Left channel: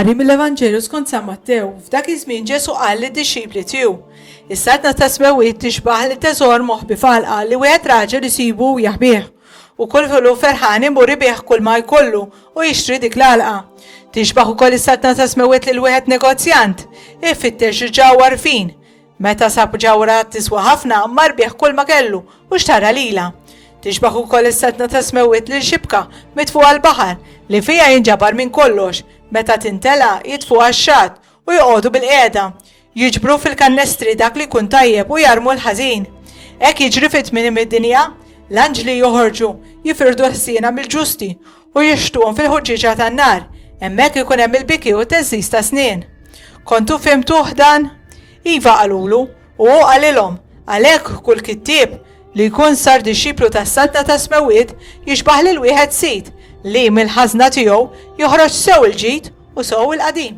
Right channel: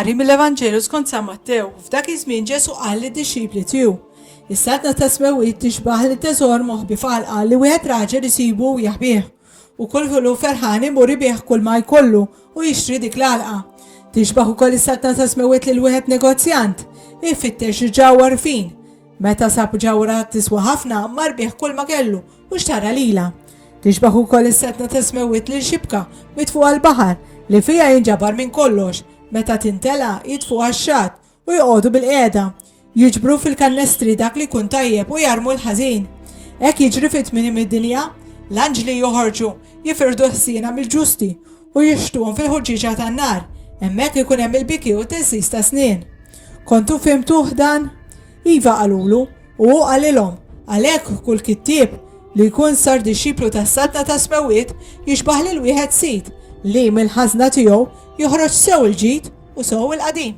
qari mill-Evanġelu skont San Mattew, f'dak iż-żmien Ġesu qal lid-dixxipli tiegħu: is-satna ta' smewwiet tixbaħ li teżor moħħbi falqa li wieħed raġel isibu u jaħbih, u kull filu ferħan imur ibih kull ma jkollu u jixtri dik l-għalqa. Tixbaħ ukoll is-satna ta' smewwiet lil wieħed negozjant ifittex ġawwar fin. Meta sab ġawra tiswa ħafna mar bih kull ma kellu u xtara lila. Tixbaħ ukoll is-satna ta' smewwiet lil xibka mitfuq għall-baħar li fija jinġabar minn kollox, meta tintela jitfu għax-xatt u joqogħdu bil-qiegħda, jiġbru fil-kannestri dak li jkun tajjeb u jarmu l-ħażin. Hekk jiġri fit-tmiem id-dinja, l-anġli joħorġu jifirdu ħsiena mill-ġusti u jixtuhom fil-ħuġġiġa tan-nar, hemmhekk ikun hemm il-biki u teżżiż ta' snien. Kontu fhimtuh dan? Iva qalulu u hu qalilhom, għalhekk kull kittieb li jkun sar dixxiplu tas-satna ta' smewwiet jixbaħ lil wieħed sit li mill-ħażna tiegħu joħroġ sew il-ġid u sew il-qadim.